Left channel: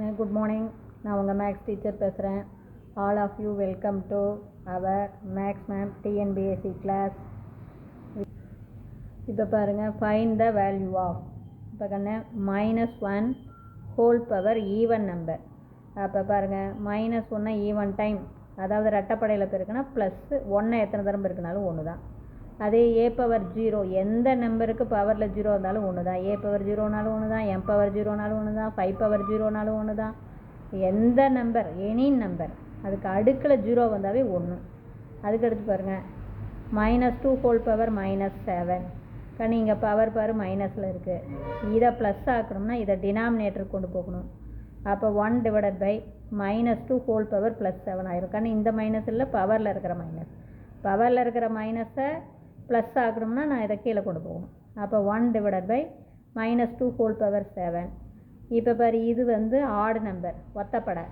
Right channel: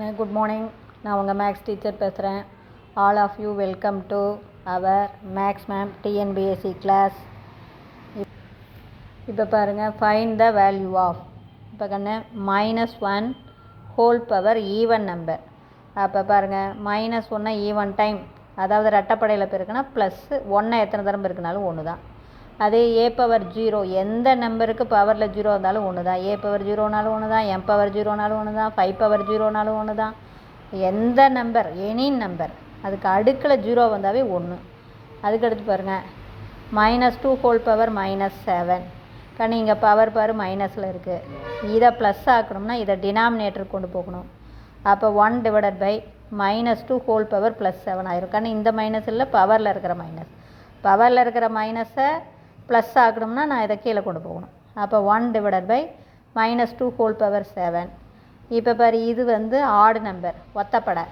Good morning. நான் உங்கள் maths teacher பேசுகிறேன். All of you welcome to our maths ma'am TNPSC class. இப்போ பாருங்கள், ஃபைண்ட் த வேல்யூ ஆஃப். இப்போ கண்ணு -1 ஹோல் பவர் ஈவன் நம்பர். அப்போ பாருங்கள், -1 ஈவன் டைம், அதாவது ரெட்டப்படையில் பெருக்குன்னா ப்ளஸ் 1 எத்தனை தரம் பெருக்குனாலும் ஒன்று தான். அதே ஏ பவர் 0 எந்த நம்பருக்கு பவரில் 0 இருந்தாலும் ஒன்று தான். ஏ பவர் 0னாலும் ஒன்று தான், எம் பவர் 0னாலும் ஒன்று தான், 5 பவர் 0னாலும் ஒன்று தான். எந்த நம்பர், எனி நம்பர், அதுக்கு அடுக்கில் 0 வந்தாவே ஒன்று. அதுக்கடுத்து பாருங்கள், -2 ஹோல் பவர் -7. கண்ணு இங்கே பவர் பாரு மைனஸில் இருக்குது. இதை ப்ளஸ் ஆக்கணும்னா இதை டினாமினேட்டர் கொண்டு போகணும். அப்போ 1 டிவைடட் பை -2 ஹோல் பவர் +7 ஆயிரும். கண்ணு இந்த மைனஸ் இல்லை, பவரில் இருக்கிற மைனஸ். பவரில் இருக்கிற மைனஸை ப்ளஸ் ஆக்கணும்னா நான் இதை கீழே கொண்டு போகணும். அப்போ 1 டிவைடட் பை -2 ஹோல் பவர் 7. இப்போ பாரு, இது வந்து ஆடு நம்பர், ஒத்தப்படை.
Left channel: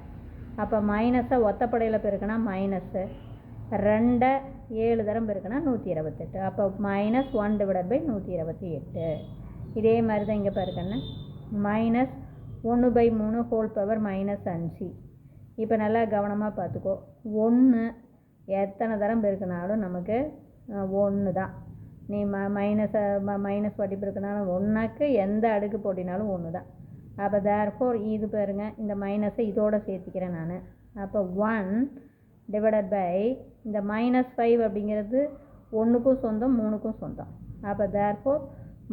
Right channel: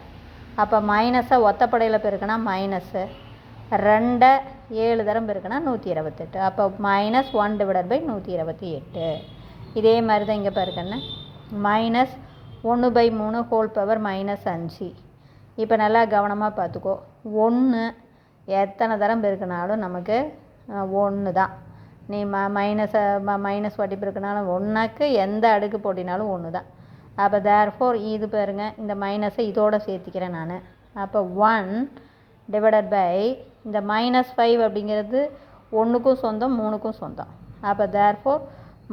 அப்போ மைனஸை ஒத்தப்படையில் பெருக்குனா மைனஸு, 2 7 தரம் பெருக்குனா 128. அப்போ -1 டிவைடட் பை 128. இதே மாதிரி தான் இங்கே பாருக்கண்ணே, -1/3 ஹோல் பவர் -5. இப்போ நல்லா கவனமாக பார்த்துக்கோ. 1 எத்தனை தரம் பெருக்கினாலும் நமக்கு 1 தான். நீ மைனஸ் வாட்டி பெருக்கினாலும் 1க்கு எந்த அடுக்கு போட்டினாலும் 1 தான். அப்போ தேர்ஃபோர் இது பாருங்கள், இந்த மைனஸை இதோடு சேர்த்திக்கிறேன் நான். அப்போ 1 டிவைடட் பை இந்த -5 அப்படிங்கிறது 1க்கும் சொந்தம் 3க்கும் சொந்தம். அப்போ தேர்ஃபோர்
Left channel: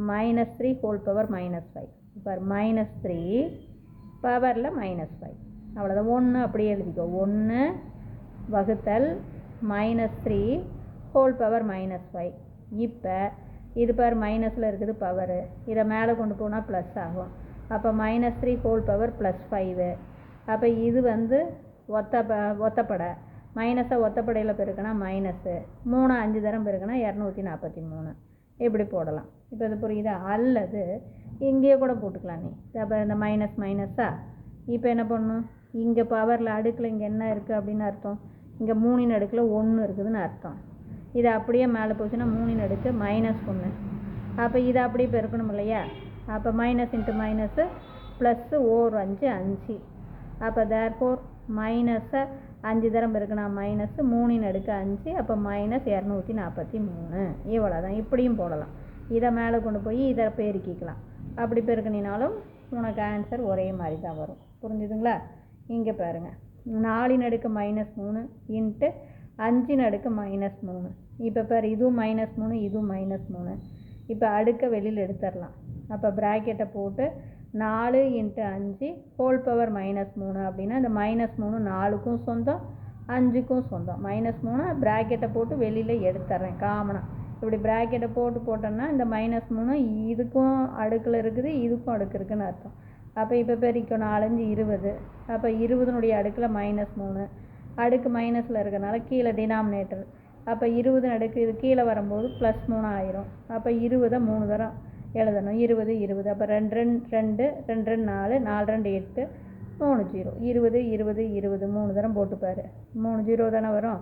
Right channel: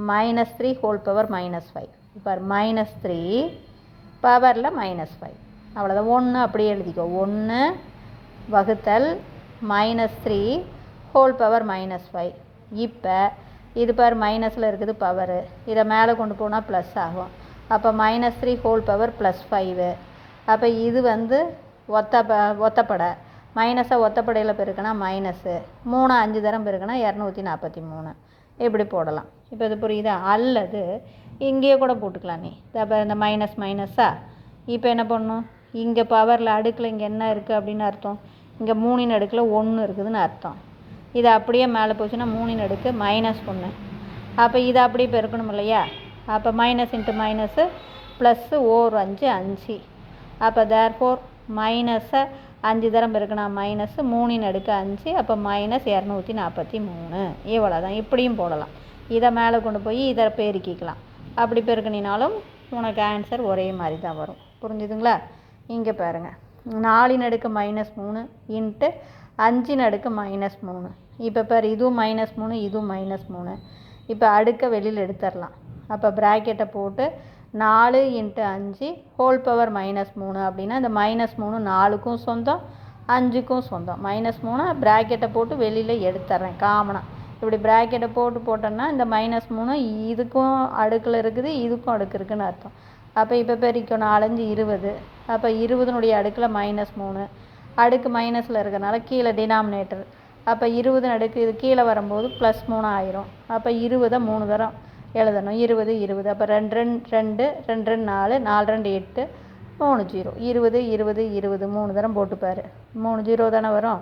-3 ஹோல் பவர் -5. இப்போ -3 பவரில் -5. அவ்வளோதான். 1 அப்படியே எழுதிக்கோ. 1 வகுத்தல் -3 ஹோல் பவர் -5. இப்போ இது பார் மைனஸில் இருக்குது பவரு, இதை மேலே கொண்டு போனால் ப்ளஸ் ஆகும். அப்போ -3 ஹோல் பவர் +5. அப்போ இது வந்து ஒத்தப்படை. மைனஸை ஒத்தப்படையில் பெருக்கினா மைனஸு, 3 5 தரம் பெருக்கினா 243. இப்படி போடலாம். இப்போ இது புரியுதா? அல்லது இங்கேயே கூட போட்டுக்கலாம் நீ. அப்போ இந்த மைனஸா இப்போ என்ன பண்ணணும், இங்கே பவரில் அடுக்கில் இங்கே என்ன இருக்குது அப்படின்னு அர்த்தம், இங்கே 3 அடுக்கில் 1 இருக்குதுன்னு அர்த்தம். இது அப்படியே மேலே போச்சுன்னா 3 அடுக்கு -1. அப்போ இதை அப்படியே பெருக்கணும் இல்லையா? அப்போ மைனஸ் இன்ட்டு மைனஸு ப்ளஸ்ஸு 5 5. அப்போ தேர்ஃபோர் மைனஸை 5 தரம் பெருக்கினா மைனஸு, 3 அடுக்கு 5, அப்போ -243. இவ்வளோ தான். இப்படியும் போடலாம். இதை மேலே கொண்டு போய் இதை பெருக்கிக்கலாம். அப்படி பெருக்கினாலும் உனக்கு ஆன்சர் ஒரே மாதிரி தான் வரும். புரிஞ்சுதுங்களா? இங்கே பாருங்கள், 4 அடுக்கு -3 இன்ட்டு 5 அடுக்கு -3. இப்போ பாரு, இதுவும் -3 இதுவும் -3. இப்போ அடுக்க வெளியில் எடுத்துடலாம். அப்போ ப்ராக்கெட்டை போட்டு 4 × 5 ஹோல் பவர் -3 அப்படின்னா இந்த -3 4க்கும் சொந்தம் 5க்கும் சொந்தம். -3 ப்ராக்கெட்டை போட்டு வெளியில் எடுத்துட்றேன் காமனாக. இப்படி ப்ராக்கெட்டை போட்டோன்னா இந்த -3 இதுக்கும் அடுக்கில் இருக்குது, இதுக்கும் அடுக்கு இருக்குதுன்னு அர்த்தம். அப்போ இப்போ பெருக்கும் 4 5 20. அப்போ 20னுடைய அடுக்கில் -3, அடுக்கு மைனஸில் இருக்கிறனால கீழே டினாமினேட்டர். அப்போ 20 அடுக்கு இது கீழே வரும்போது +3 ஆயிரும். அப்போ 20 3 தரம் எழுதணும். 20 20. அப்போ 2 2 2 4 4 2 8 3 0. 20 20 20 3 தரம் போட்டுப்பார். 3 0 தானே வரும்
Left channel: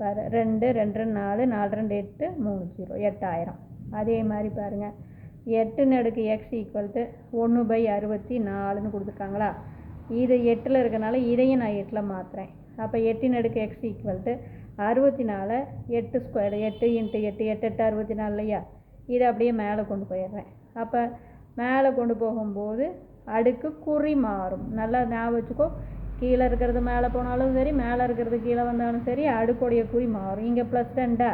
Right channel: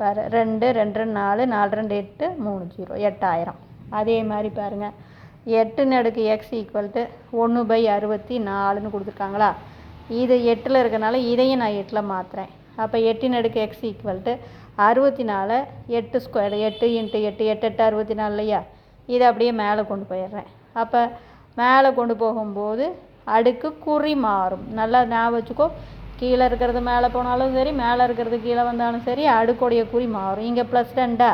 பாரு. 2 2 4 4 2 8 3 0 8000. அதே மாதிரி பாருங்கள், 8 அடுக்கு x = 1/64 கொடுத்துருக்காங்களா? இது 8ல் இருக்கனால இதையும் நான் 8ல் மாற்றுறேன். அப்போ 8 அடுக்கு x = 64. 8 ஸ்கொயர் 8 × 8 8 8 64 இல்லையா? இதை அப்படியே மேலே கொண்டு போயிடுறேன். அப்போ மேலே கொண்டு போகும்போது அடுக்கு குறி மாறும். நல்லா ஞாபகம் வச்சுக்கோ. கீழே இருக்கிறது மேலே போனாலும் சரி, மேலே இருக்கிறது கீழே வந்தாலும் சரி, அடுக்குடைய குறி மாறும். இங்கே +2.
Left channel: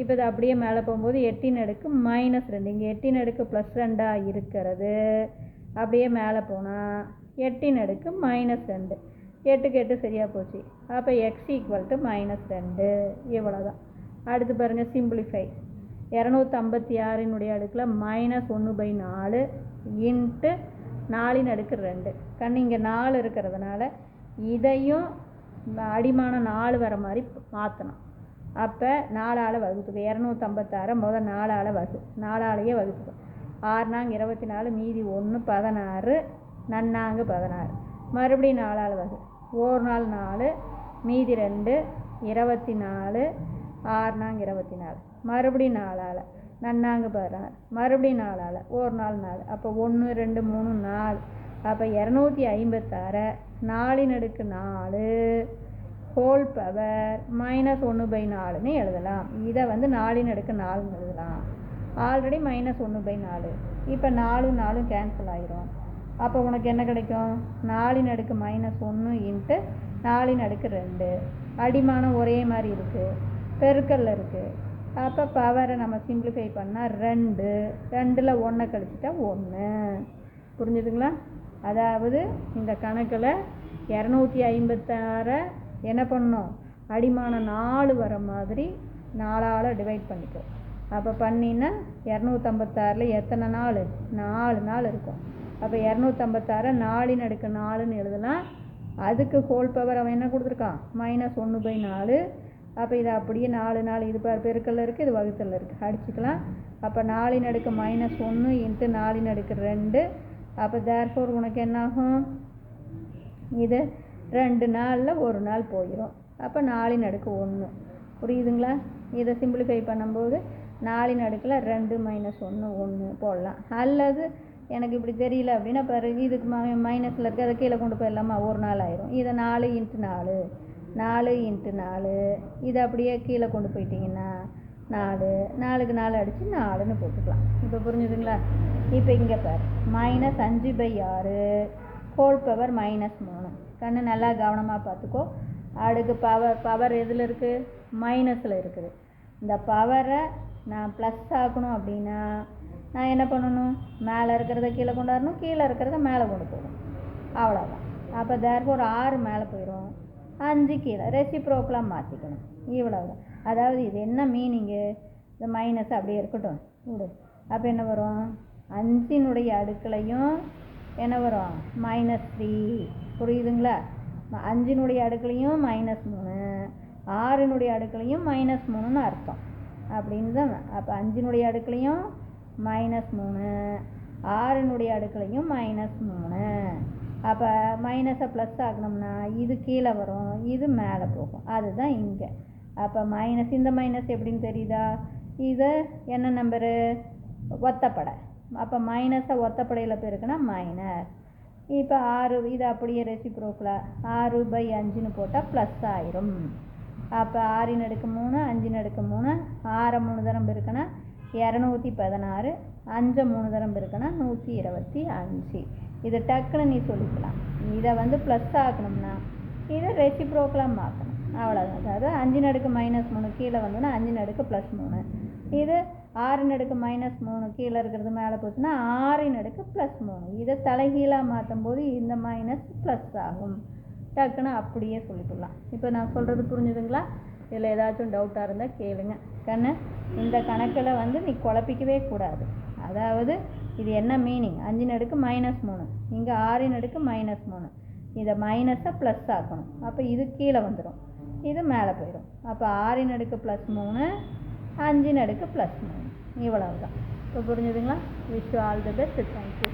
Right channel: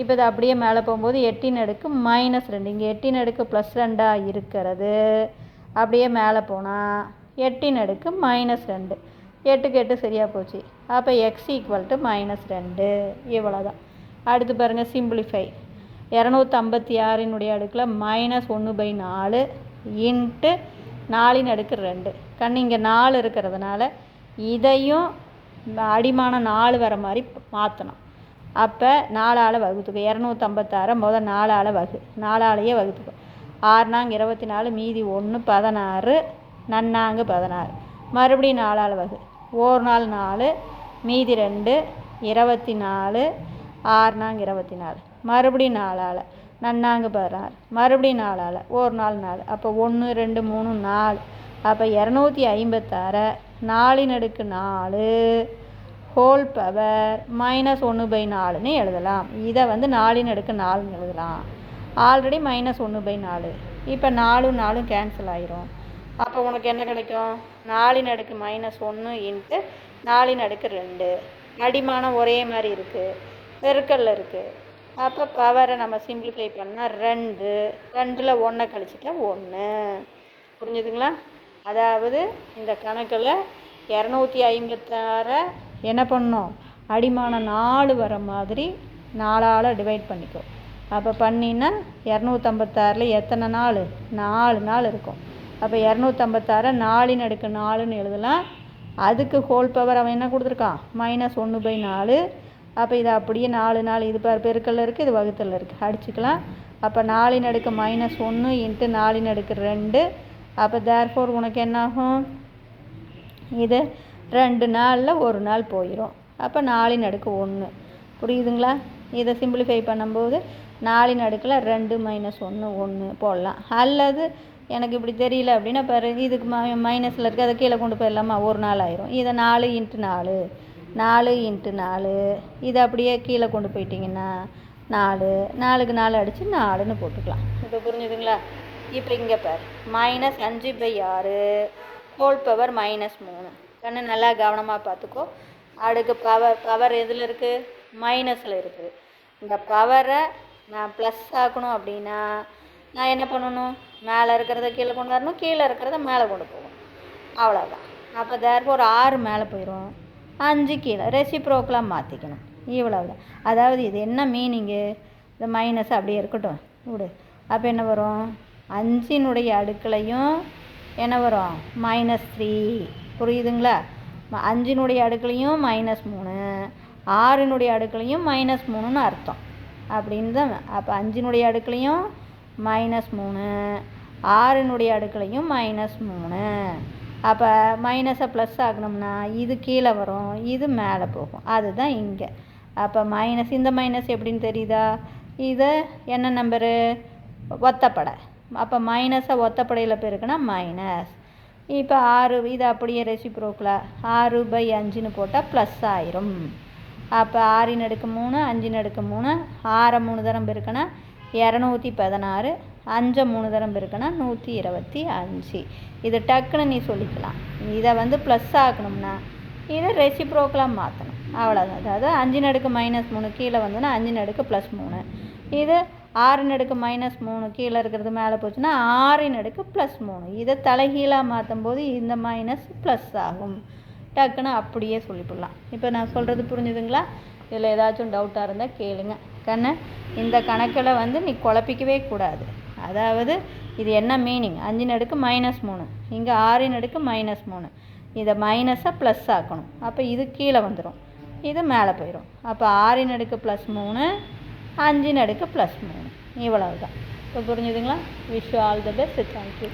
இப்போ இது அப்படியே மேலே போகும்போது 8 அடுக்கு -2. இங்கே 8 அடுக்கு +2 இருக்கிறது. அப்படியே மேலே போனால் 8 அடுக்கு -2. 8க்கு 8 சரியாக போச்சு. அப்போ x = -2. இவ்வளோதான். அடுத்து பாருங்கள், சிம்பிளிஃபை. 256 அடுக்கில் -1/4 இன்ட்டு 4 அடுக்கு 2. கண்ணு இங்கே 4 இருக்கிறதுனால இதையும் அடிமான 4 வர மாதிரி மாற்றணும். அப்போ 4ஆல் வகுத்துக்கோ. 256 முதல் 4ஆல் 4ஆலேயே வகுத்துக்கோ. 6 நாங்க 24, மீதி 1 16, நன்னாங்க 16. மறுபடியும் 4ஆல் வகு. 1 நாள் 4, மீதி 2 24, 6 நாங்க 24, மறுபடியும் 4ஆல் நன்னாங்க 16, மறுபடியும் 4ஆல் 1 நாள் 4. அப்போ 1 2 3 4 அப்போ 256 4/4 ஹோல் பவர் -1/4ன்னு எழுதலாம். இதை வந்து 4/4ன்னு எழுதலாம். ஆல்ரெடி -1/4. இப்போ 4 4 கேன்சல் ஆயிரும். அப்போ உனக்கு என்ன கிடைக்கும்? 4/-1 இன்ட்டு 4/2. அடிமானம் ஒரே மாதிரி இருக்குது, பெருக்கல்ல இருக்குது. அப்போ பவரை நம்ம சிம்பிளிஃபை பண்ணால் 2, 2ல் 1 கழிச்சிட்டா 1. புரிஞ்சுதுங்களா? அதாவது இந்த கணக்கில் 256 என்ன பண்ணணும்? அடிமானம் 4 வர மாதிரி 4ஆல் டிவைட் பண்ணிக்கோ. அப்போ பண்ணினா 256ல் எத்தனை நாள்? 4 நாள் இருக்கும். அப்போ 256 4/4ன்னு எழுதலாம். அதுக்கு ஹோல் பவர் அவன் என்ன கொடுத்துருக்கான்? -1/4. அப்போ இது அப்படியே 4 4 இது பெருக்கல்ல இருக்குது, இது வகுத்தலில் இருக்குது, அடிச்சுக்கலாம். அப்போ 4/-1 இன்ட்டு 4/2. அப்போ தேர்ஃபோர் உனக்கு என்னாகும்? இது 2 நாளில் 1 நாள் போயிடும். அப்போ 4/1. புரியுதுங்களா? இதை சிம்பிளிஃபை பண்ணும்போது 4/2 2 -1 1 போடலாம். அல்லது எனக்கு இப்படி தெரியல அப்படின்னா பாரு, இதுக்கு மைனஸில் இருக்குது, அதை கீழே கொண்டு போயிடலாமா? 1 நாள் ஆயிரும். இதை 4x4 4x4 இதை அப்படியே கீழே கொண்டு போயிட்டிங்கன்னா 4 4க்கு 4 அடித்து 4ன்னு போட்டுக்கலாம். இப்போ புரிஞ்சுதுங்களா? இப்போ இங்கே பார், -5/6 ஹோல் பவர் -3. கண்ணு நல்லா கவனமாக பார்த்துக்கோ. அடுக்கு பவர் எதில் இருக்குது? மைனஸில் இருக்குது. இந்த பவரை நான் ப்ளஸ் ஆக்கணும் அப்படின்னா நான் என்ன பண்ணணும்? மேலே இருக்கிறத கீழே கொண்டு வரணும், கீழே இருக்கிறத மேலே கொண்டு போகணும். அவ்வளோதான். அப்போ தேர்ஃபோர் 6 மேலே போயிடும், 5 கீழே. ரெசிப்ரோக்கலாக மாற்றிக்கணும். இவ்வளவு. அதாவது இது என்ன மீனிங்கு? இந்த மைனஸ் அப்படியே இருக்கட்டும் விடு. அப்போ என்ன வரும்? 5னுடைய அடுக்களையும் என்ன வரும்? -3. புரியுதுங்களா? 5னுடைய அடுக்களையும் -3, 6னுடைய அடுக்களையும் -3ன்னு அர்த்தம் அப்படின்னு தான். அப்போ 5னுடைய அடுக்களையும் -3, 6னுடைய அடுக்களையும் -3. அப்போ மைனஸை ப்ளஸ் ஆகணும்னா இது கீழே வரும், இது மேலே போகும். அதுதான் இங்கே. அப்போ மைனஸ், இந்த மைனஸ் எப்படின்னு தெரியுதா? இது என்ன நம்பரு? ஒத்தப்படை. அப்போ மைனஸை ஒத்தப்படையில் பெருக்குனா மைனஸ். இப்போ 6 இது அப்படியே ரெசிப்ரோக்கலாக 6/5ன்னு போட்டால் ப்ளஸ் ஆயிரும். அப்போ 6/3 5/3 6 3 தரம் பெருக்குனா 216, 5 3 தரம் பெருக்குனா 125. இது டக்குன்னு நீ சொல்லிக்கலாம். இதை வந்து ப்ளஸ் ஆக்கணும்னா இதை ரெசிப்ரோக்கலாக மாற்றணும். அவ்வளோதான். அதாவது 5/-3 கீழே வந்துன்னா 5/+3. இது 6/-3 கீழே இருக்கிறது மேலே போச்சுன்னா 6/+3. இதை தலைகீழாக மாற்றும் போது இந்த மைனஸ் ப்ளஸ் ஆகும். டக்குன்னு அப்படியே சொல்லிவிடலாம். இப்போ நான் சொல்கிறது புரிஞ்சுதுங்களா? இதில் ஏதாச்சும் டவுட்டாக இருந்தால் கேளுங்க. கண்ணு, இந்த கணக்கில் வந்து நீ குழப்பிக்கவே கூடாது. அதாவது இது என்ன மீனிங்? 5/-3, இங்கே 6/-3. இதை மைனஸை ப்ளஸ் ஆக்கணும். அப்போ இது கீழே வந்துடும், இது மேலே போயிடும். அப்போ 6/+3 5/+3 இவ்வளவு தான். இப்போ புரிஞ்சுதுங்களா? Wish you all the best. Thank you.